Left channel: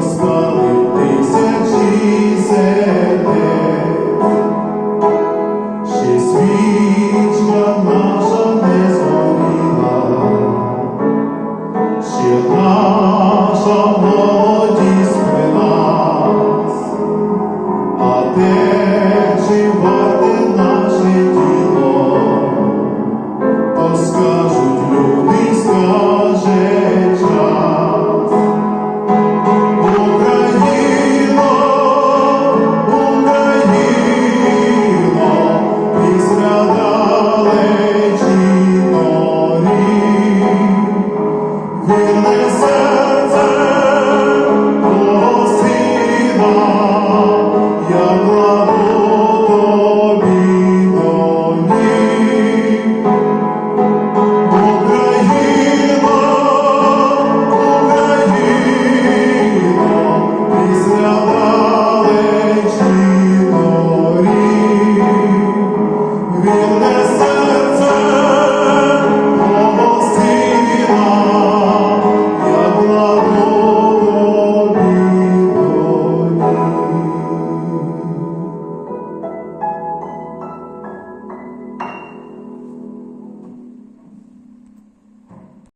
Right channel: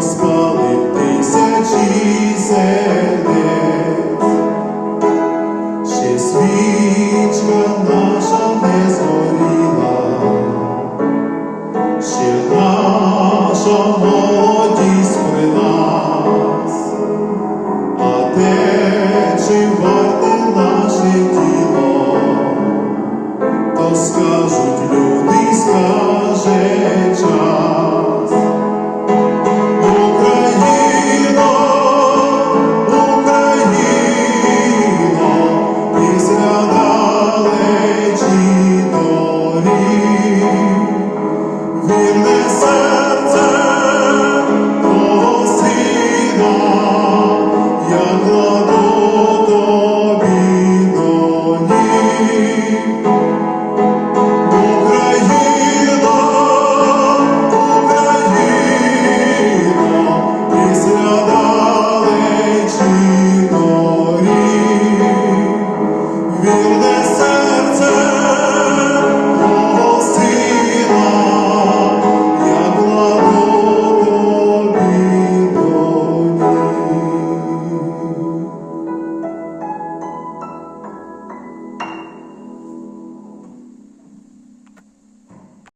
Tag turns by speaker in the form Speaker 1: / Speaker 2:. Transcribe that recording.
Speaker 1: розпалив тисячі сердець, ще свічка наша не згоріла, ще наша молодість при нас, а те, чи варте наше діло, то скажуть люди, скаже.